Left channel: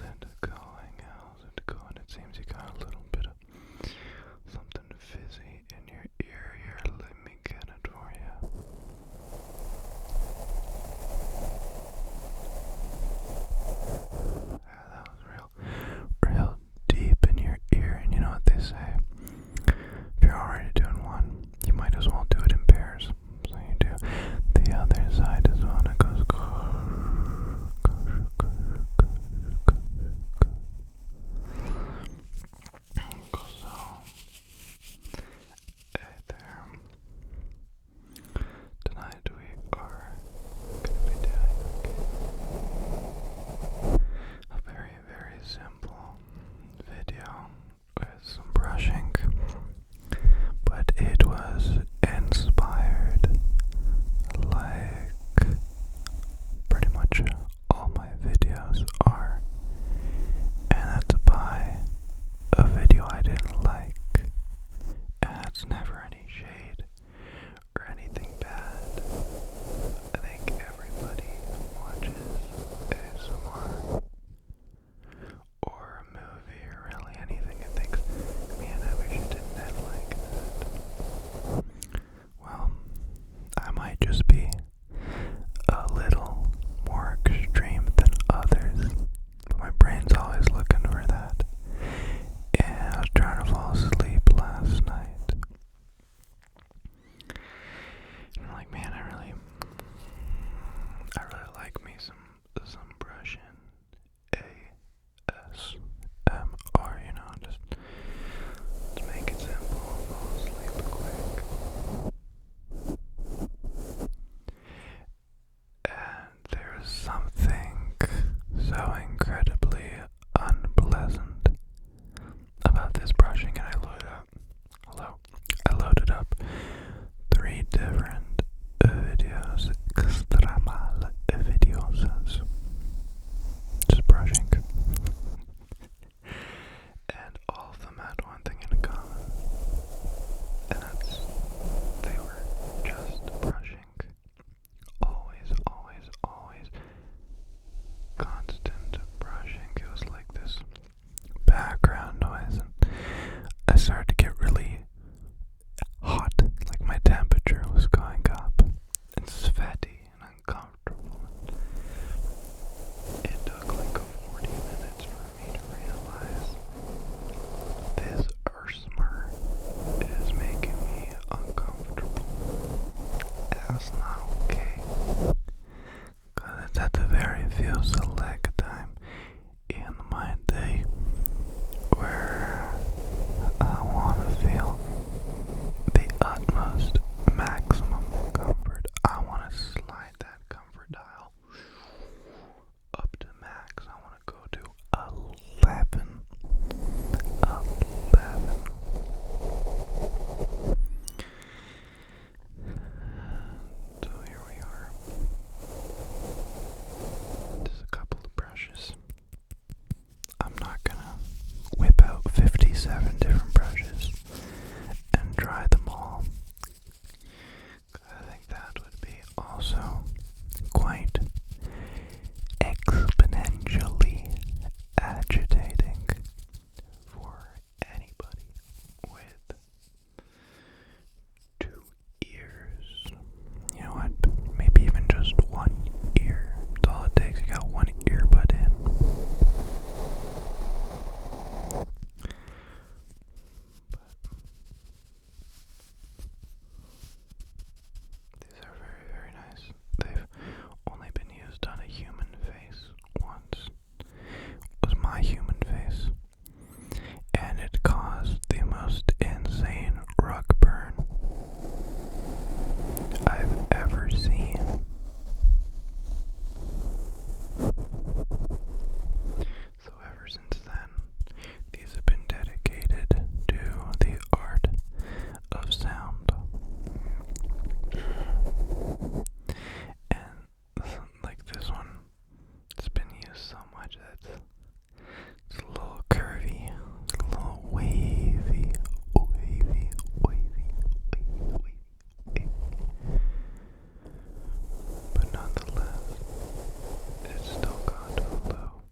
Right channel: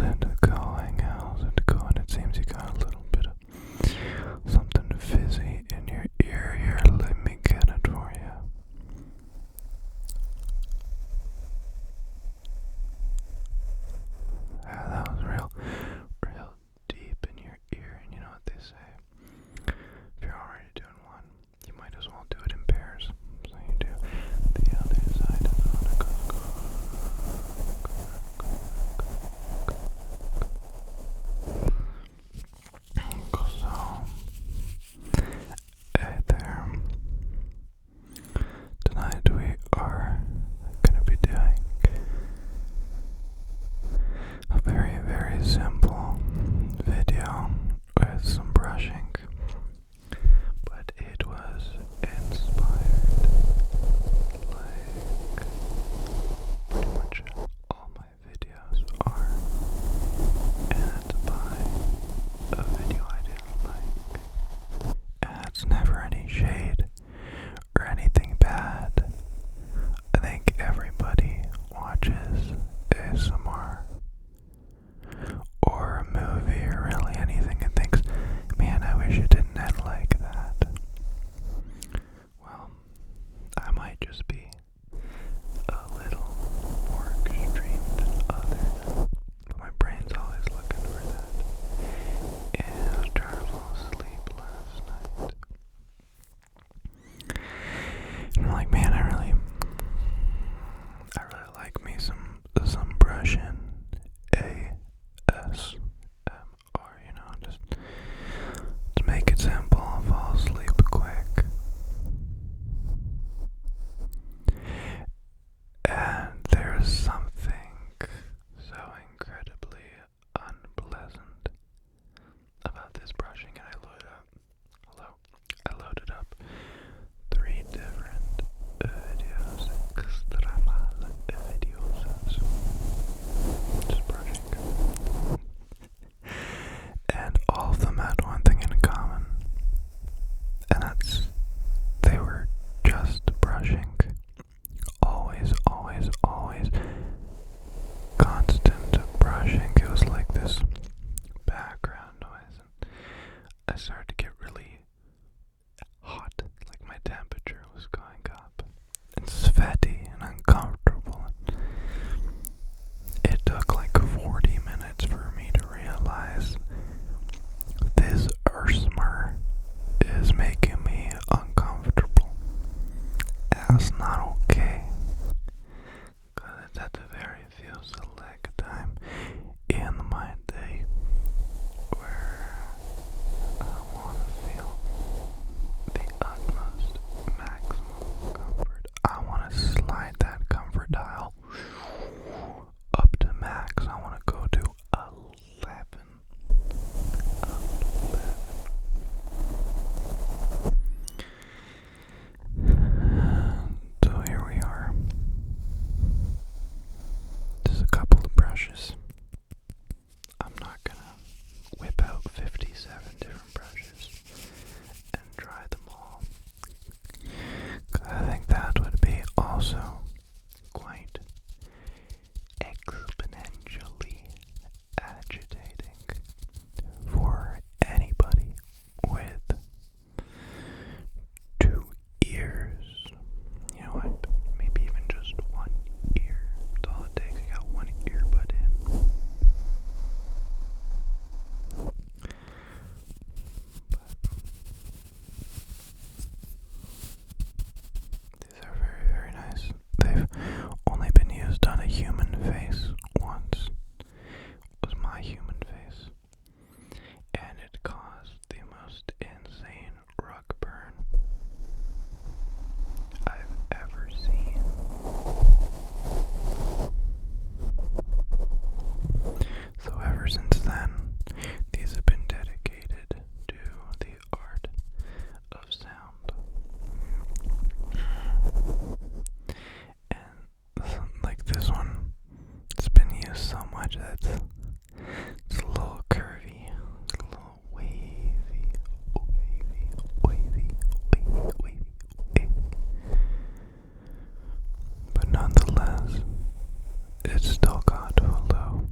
How's it going? How's it going? It seems you got a little bit of something fizzy in your ear here. Let me get it for you. That was real deep in your ear. And you know what they say? If you're already doing one, you might as well do it in pairs. So you do the other side as well. It goes. There. Tonight we are going to be doing a very simple video with some brushing, but it was inspired like pretty much all my videos are, and that's by a video I didn't like, and it's never any shade or anything bad. I think everybody watches ASMR or a movie or really anything and thinks, man, I wish it didn't end like that. Well, I might just be a little more extreme than others, but my brain's always looking for that. And I was trying to fall asleep last night. And I'm like, man, I really like me some brushing ASMR, just to make it simple and fall asleep quick. And there's something so incredibly unpleasant about this brushing, and I loaded up 3 different videos, extramal videos, just brushing, and all of them had one thing in common, and that's they were just brushing, always, constant brushing. It was like this background noise, and I started to get really hot, like my temperature was going up, and sweaty and uncomfortable. It took like 40 minutes for me to realize this ASMR is making me uncomfortable. That's not okay, because it's at the very few select time in my day where I want to feel the utmost maximum comfort. I want to slide that comfort dial up to max. I want to go to 11. So here we are. Just a couple of brushes. I'm not gonna whip out 57 different brushes and try them all, 'cause I think that would be also quite exponentially agitating for anybody with 2 ears. You know what? Maybe even just 1 ear. That's all it takes. You got 1 earbud in. These are very nice. They've only been used on a human face once. It was my human face, and it caused the most insane rug burn I've ever seen. So ever since then, these have been dedicated to the art of sound. And like this one, it's been used so much that it's a little curvy, it's a little wavy. But nonetheless, it's still got a low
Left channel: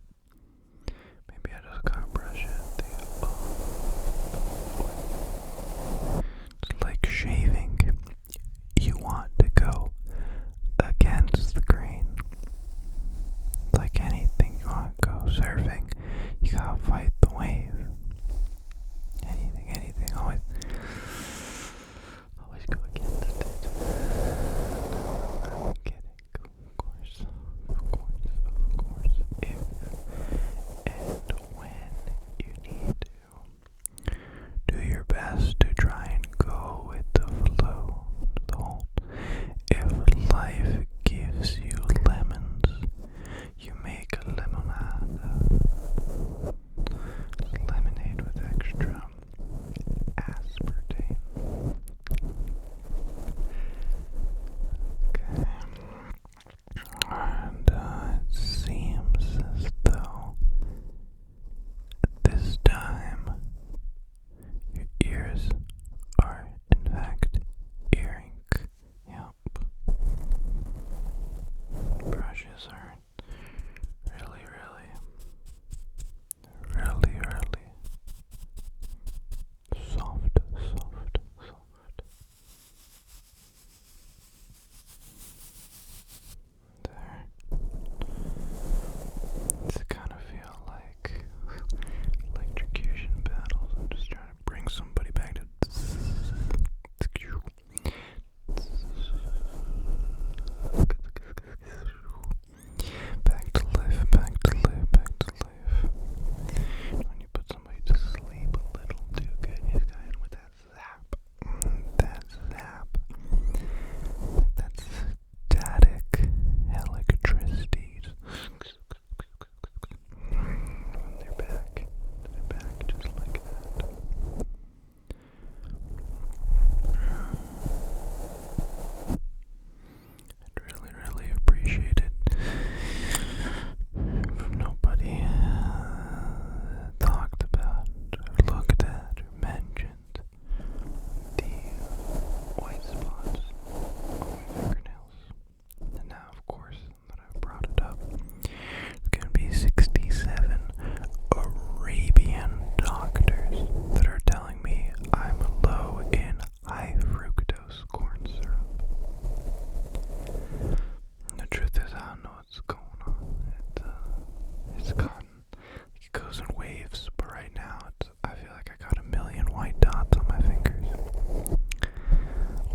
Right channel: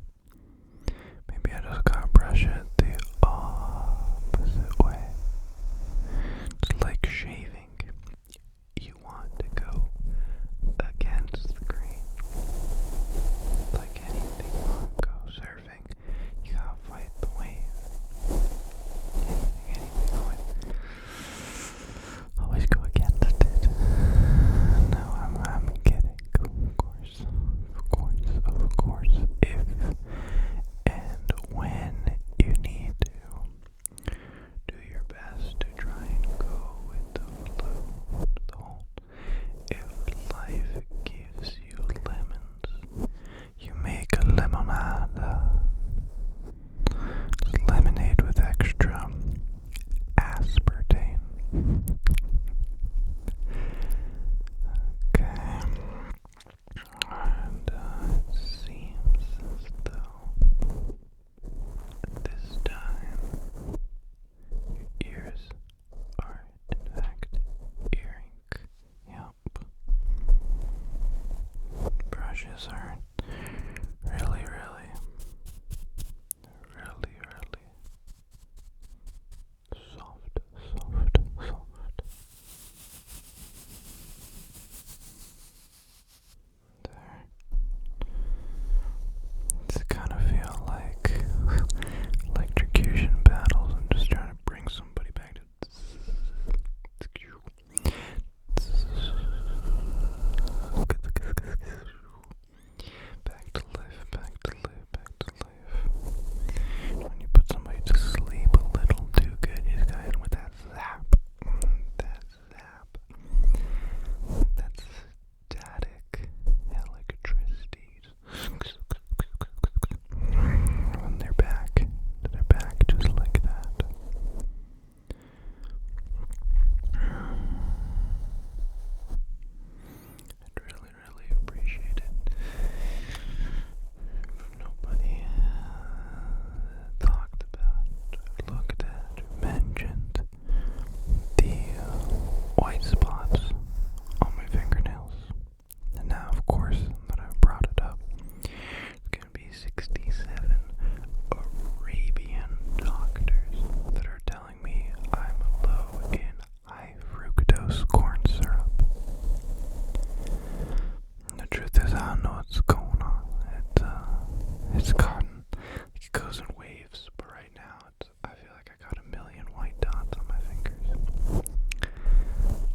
goes in waves, but right now I feel like I got a million white dots on my fingers.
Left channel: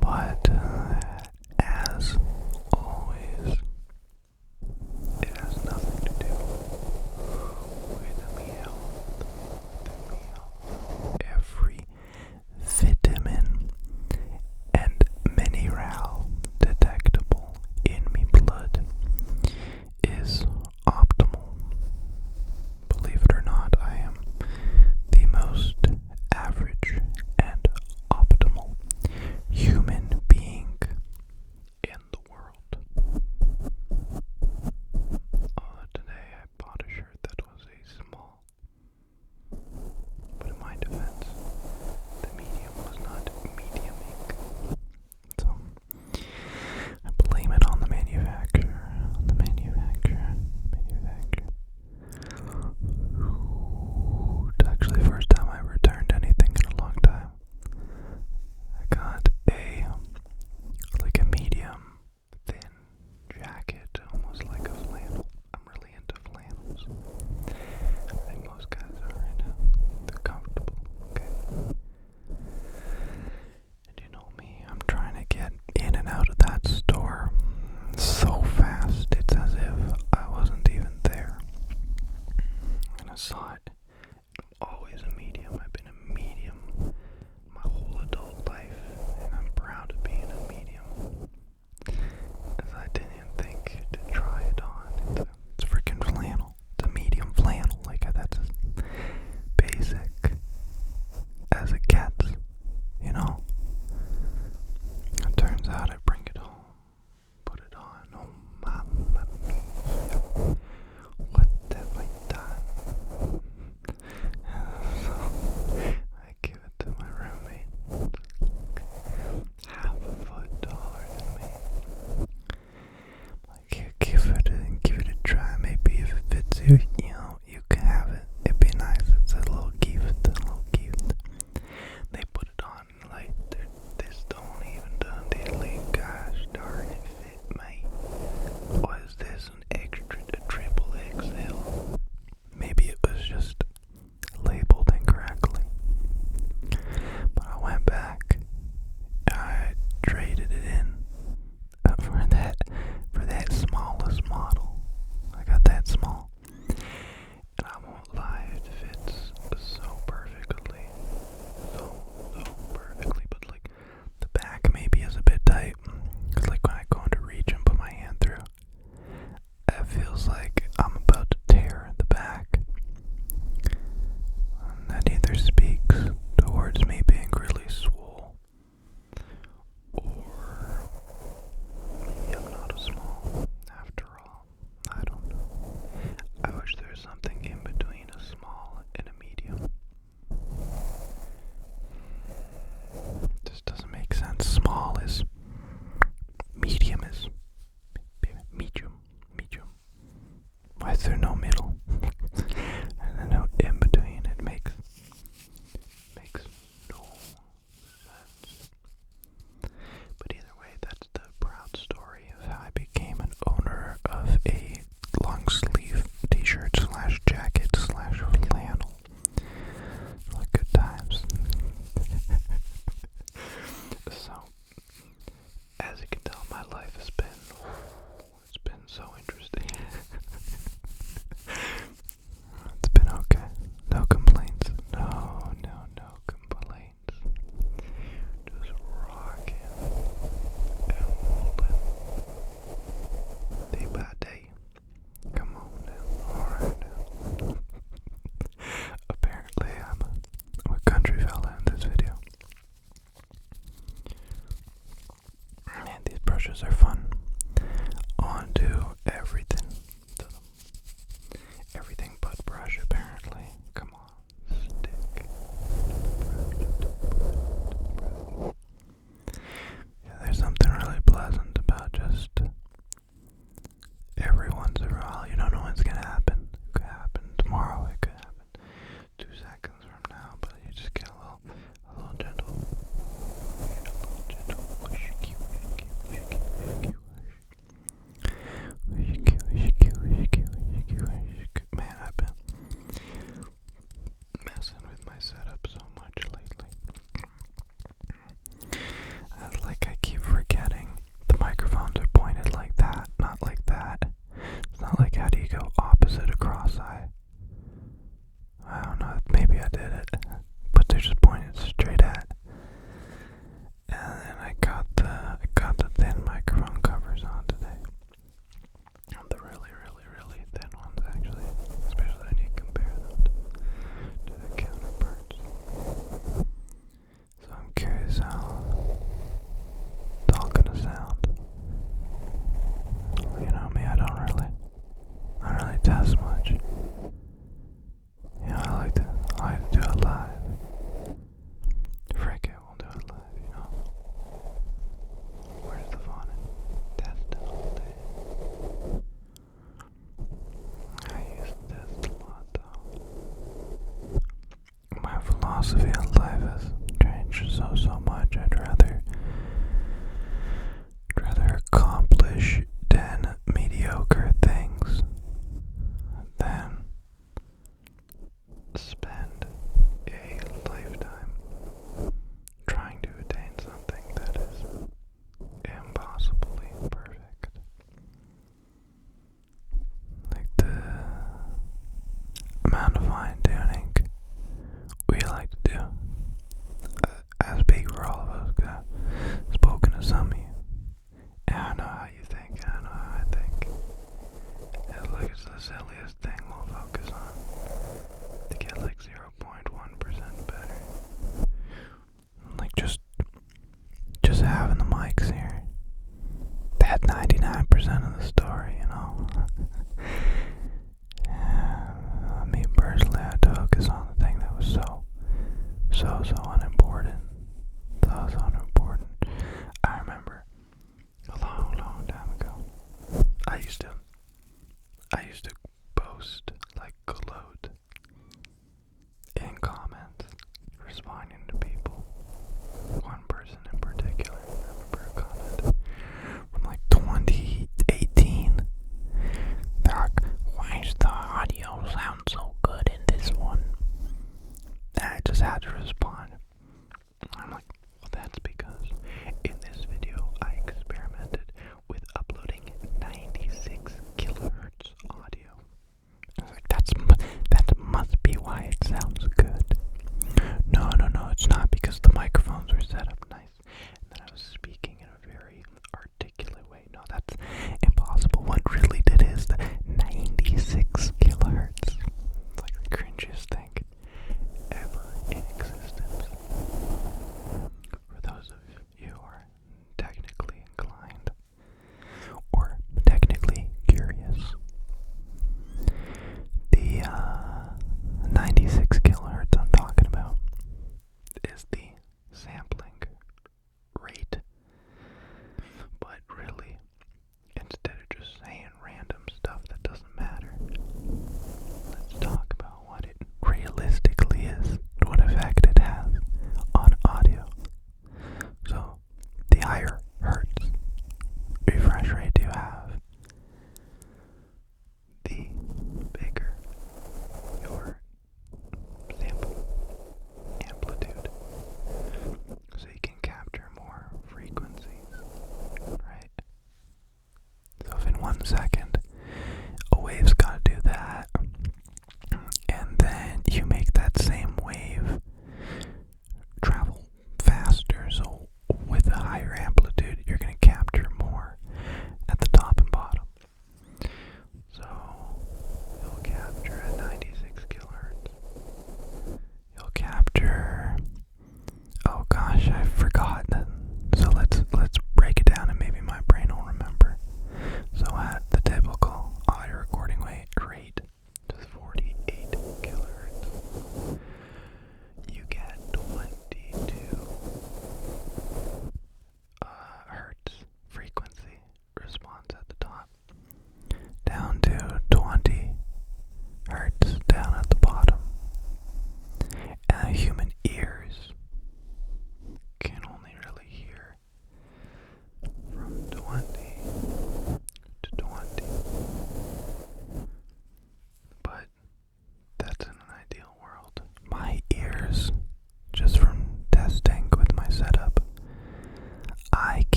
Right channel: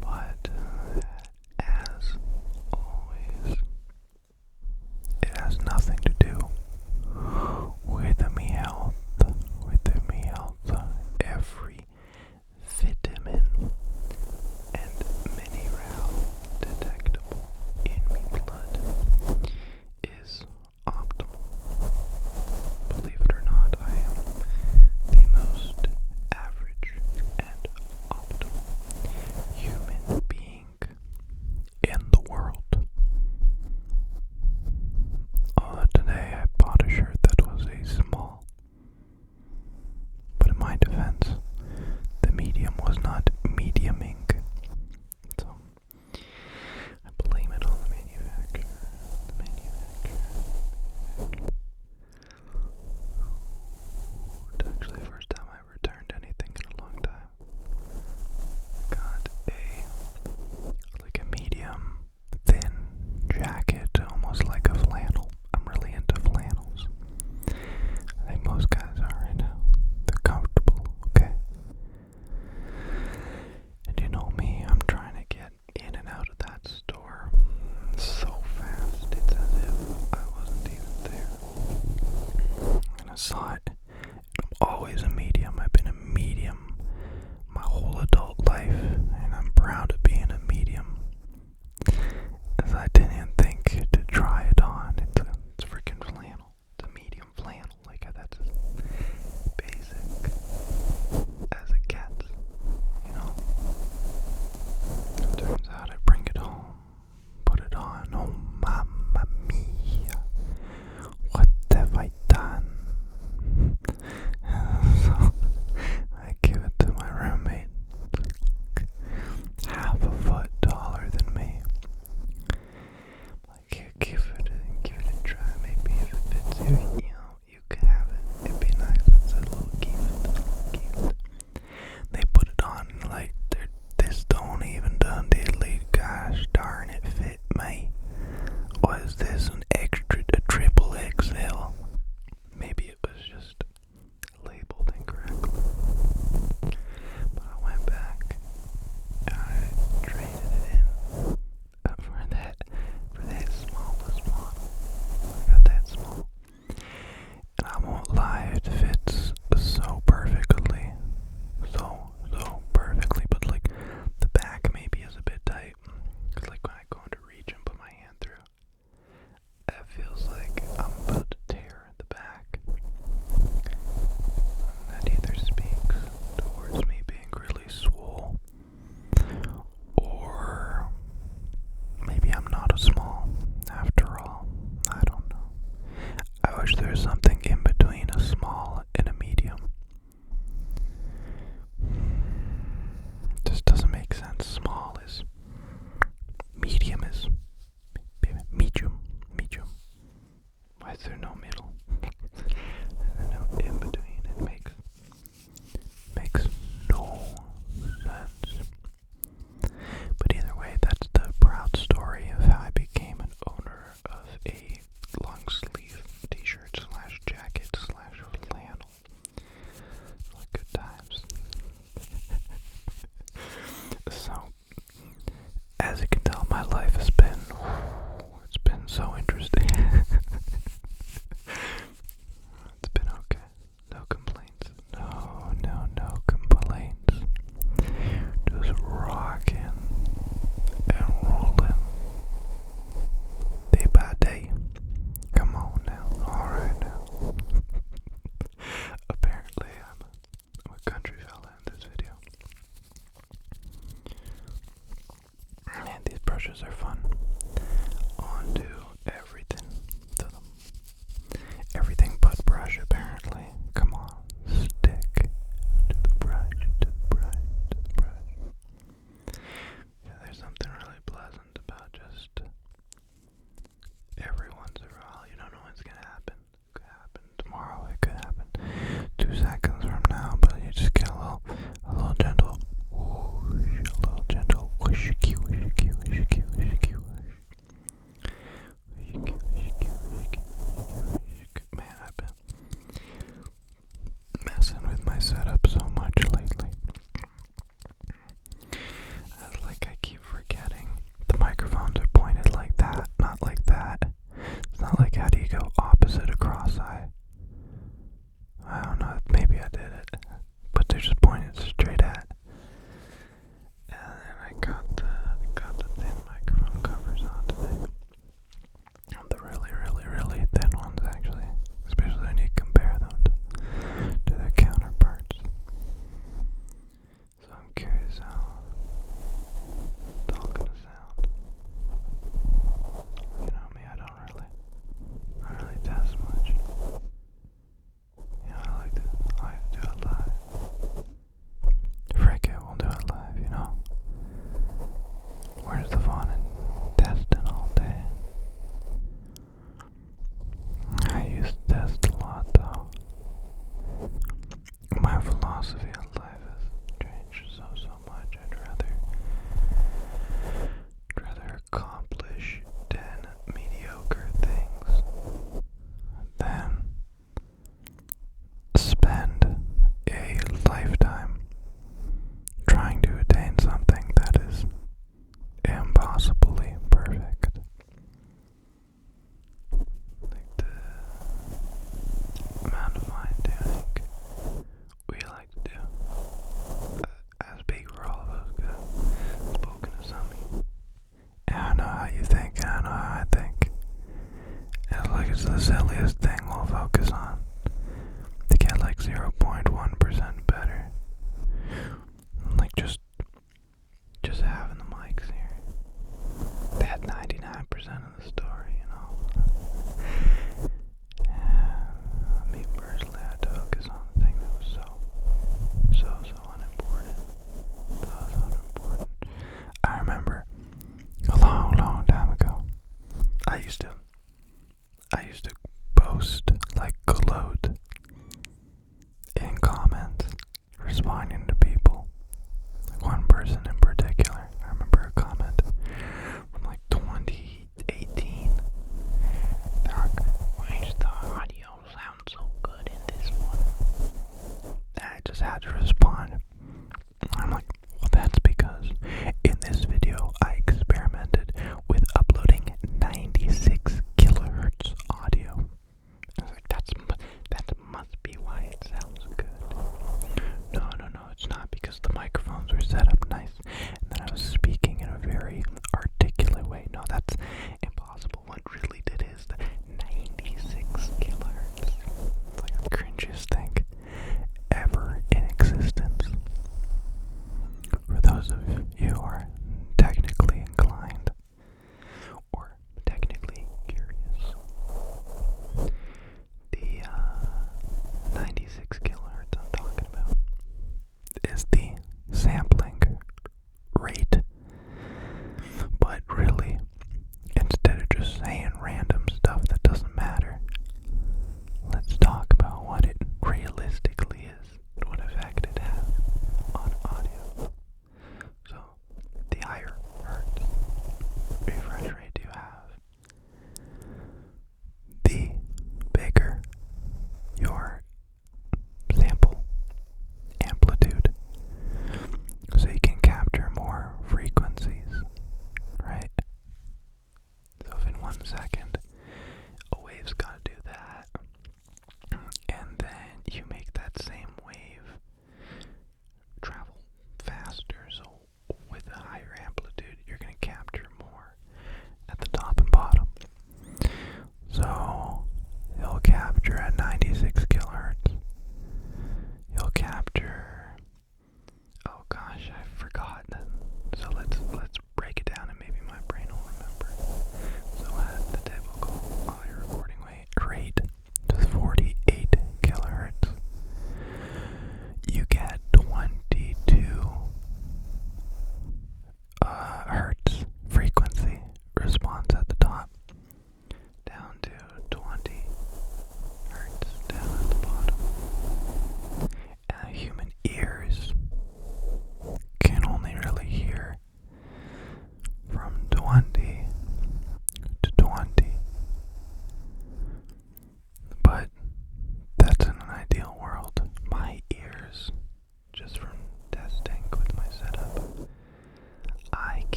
But as always, it has nothing to do with me health. Every vitamin and mineral detectable in me blood is optimal. Believe it or not, I am the most average and optimal human being in the world. Today I bought a shirt that was a small, but in my defense, the medium was not mediuming. So I blame it on the manufacturer. It's actually the first time I returned anything in a long time. I got a medium thin jacket, almost like a flannel. I'm really into flannels. I think most guys are right now. They're comfortable, okay? And you know me, I'm trying to get in and out of that store so fast. It's as if I wasn't even there. And I saw it. I'm always a medium. I've been a medium my whole adult life, and I'm proud of being a medium. As I didn't even think to try it on. It's freaking flannel. It's a medium flannel. Like, that's as basic as it gets, you know? It turns out I bring it home, put it on. Oh, mamma mia. What have I done? So, I give it to my roommate. Half a foot taller than me. Like, here, give it a try. Maybe if it fits you, you can have it. It'd be nice. It's a little gift. They put it on like this don't even done diddly. Gosh darn it, fit me. What is this? A triple XL? Maybe it was just labeled incorrectly. But I went back. I traded it in for that smallest model. I got that small. And I won't lie, it fits so perfectly. So perfectly. But like, the back maybe is a bit tight. Cause like when I go into reach and put my hand through, it feels like I'm about to tear the back. And that either speaks towards me being really swole, or maybe I'm not a small after all. I don't know. I wish there was something in between a small and a medium. It just doesn't make sense. Small is medium is medium. Why is there no middle? And no in between. It makes no sense. But either way, that's the proud story of how I became an owner of a long sleeve t-shirt / jacket / flannel. Like good times. So, as you can tell, my life has been, it's been so interesting. Like, how do you go opposite a cross-eye? I don't know, maybe I did it, but they're just pointed straight at. And then I got the thin microphone covers on today. The really, really, really thin ones, actually, especially when you compare them to their counterparts. So I'm curious how it's all gonna sound. You know me, I don't really test much. You know, I like to do it live. Frick it, we'll do it live, you know. Where's the fun in testing all day? I used to test a lot though. My philosophy on life has changed so much. I'd rather accomplish 10 mediocre things than spend a lifetime trying to attain something that is impossibly perfect. Like the amount of fine tuning we like to do. I speak for all of us, I've spoken to some of you. And I know how you think, and I know how I think. It's like it's the silliest thing we'll focus on to get like 0.1% better. Like just having the mics here. That 99% of the story, you know. And me personally, I had to focus on the thing that was so unimportant. So unimportant. I remember a long time ago, I used to boast, like gloat in comments, responding to people. One person in particular, I remember a comment from like 2018.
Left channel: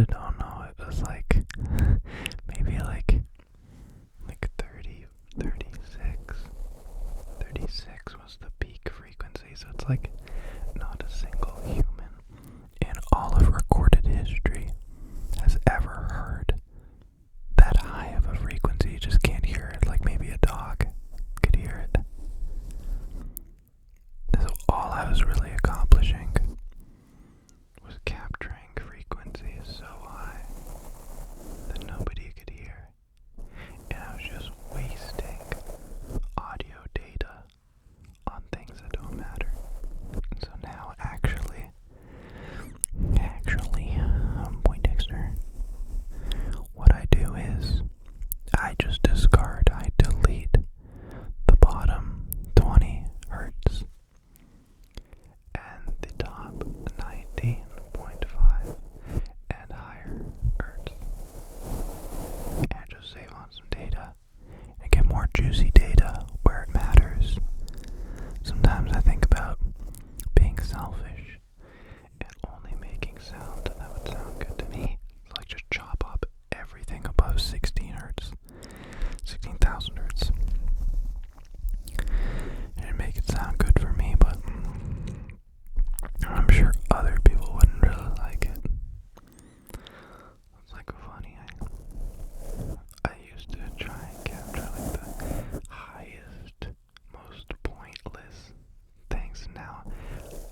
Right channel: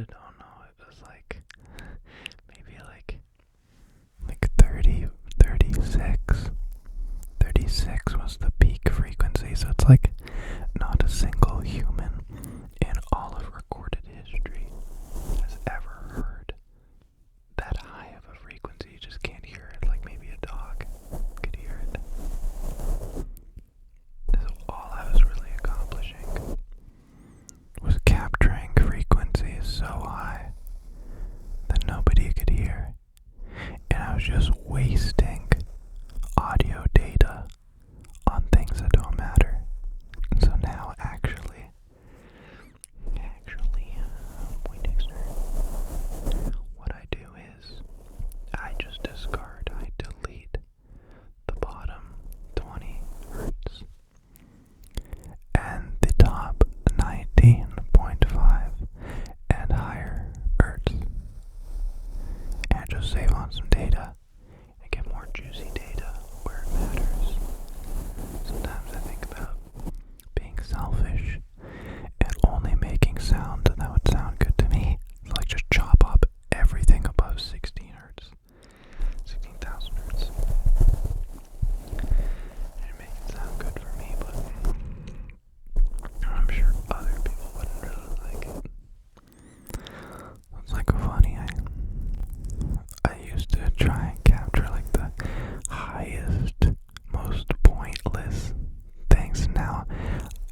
really don't know. It was like maybe like 30, 36. 36 was the peak frequency, so it's like not a single human in all of recorded history has ever heard that high of a frequency. You just can't hear it. Like maybe a dog could hear it. So all I was really accomplishing was capturing frequencies so high that nobody could hear. And I was just wasting audio data on things that don't matter. So now actually, Poindexter, what I do is I just discard, I delete the bottom 20 hertz and the top 19.5 and higher hertz, and just save on some data and get more juicy data where it matters. Sometimes I think about being selfish and only making sound that would sound good to me. So like just chop up everything above 16 hertz, 16,000 hertz, and make it sound good for me, but I'm sure other people wouldn't really like it. It's like funny, I used to try and capture like the highest, most pointless things. Now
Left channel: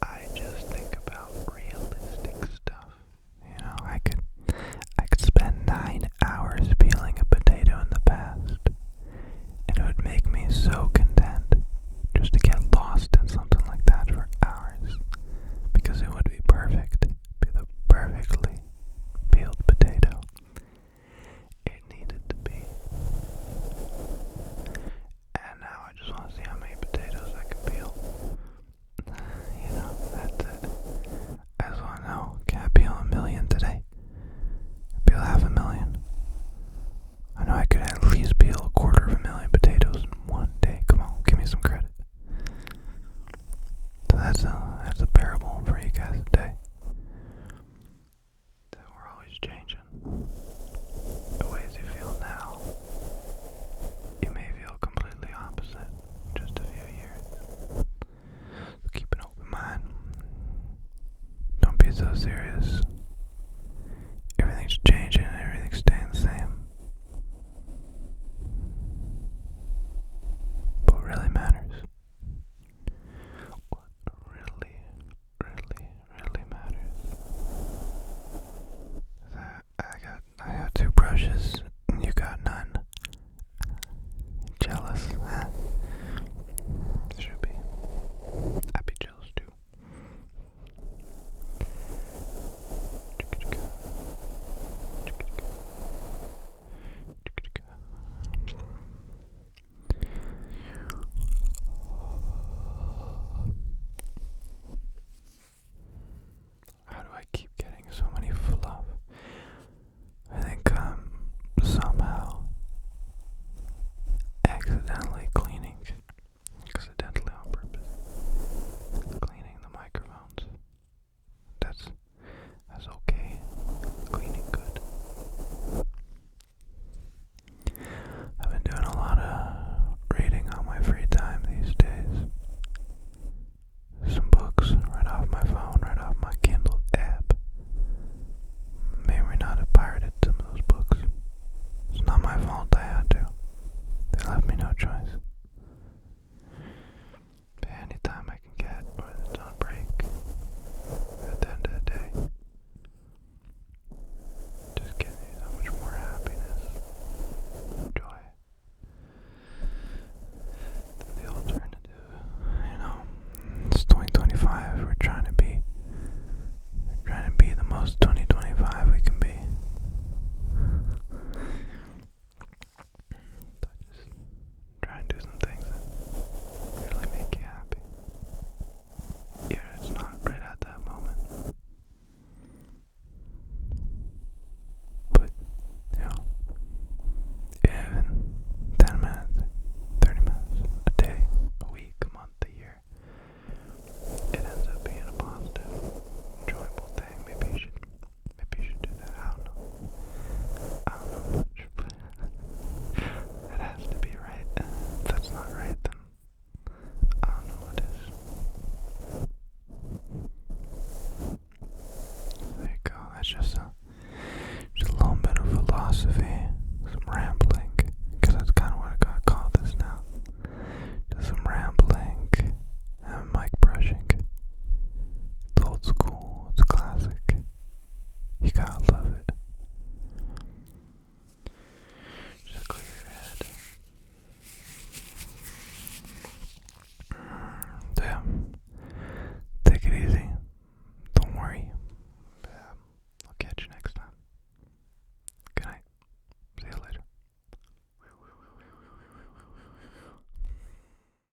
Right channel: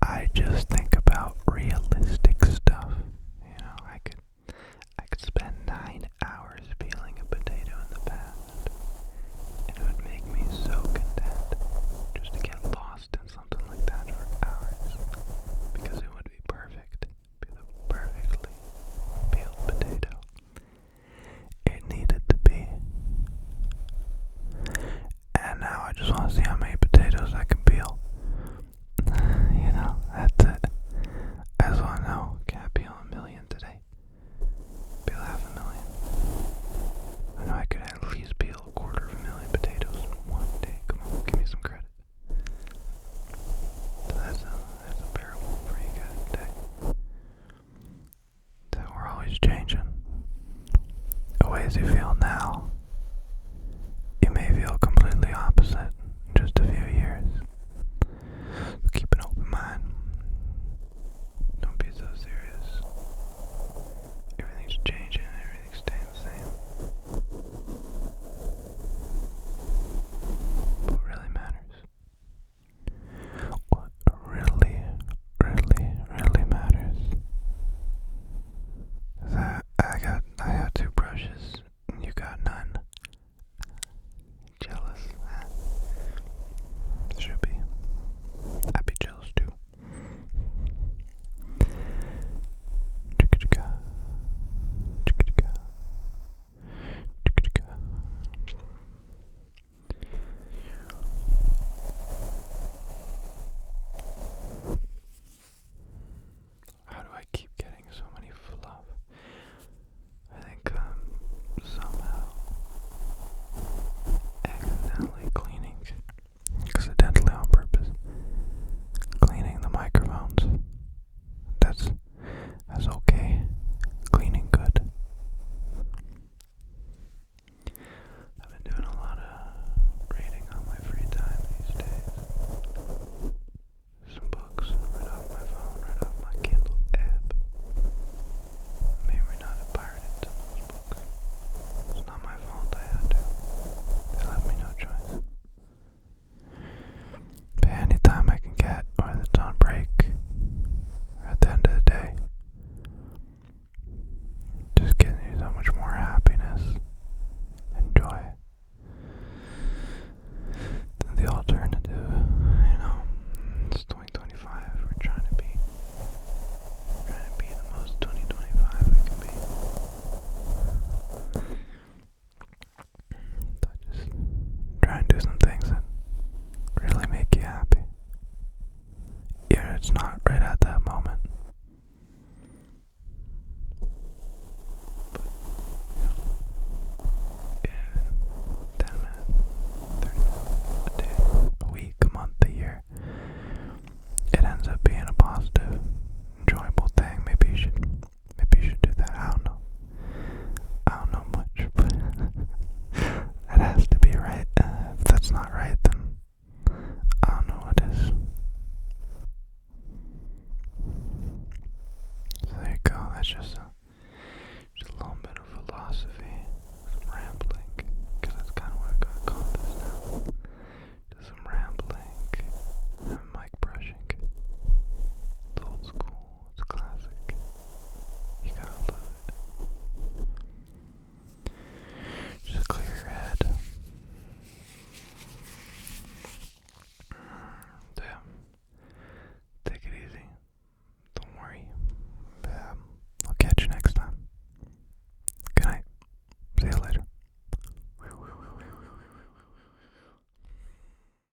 I just think about realistic stuff. You know, I could spend 9 hours peeling a potato in the past, and it would make me so content just to get lost in something like that for hours, because it would be perfect, be the perfectly peeled potato it needed to be. And now I just want to see how many potatoes I can peel. You know, that's it. I just want to know, can I peel 1 million today? Peel 500,000. I know I could at least peel 250,000 potatoes in one day. Come on, give me some credit. So that's a parable for you guys today. So we're always changing the ways you feel now.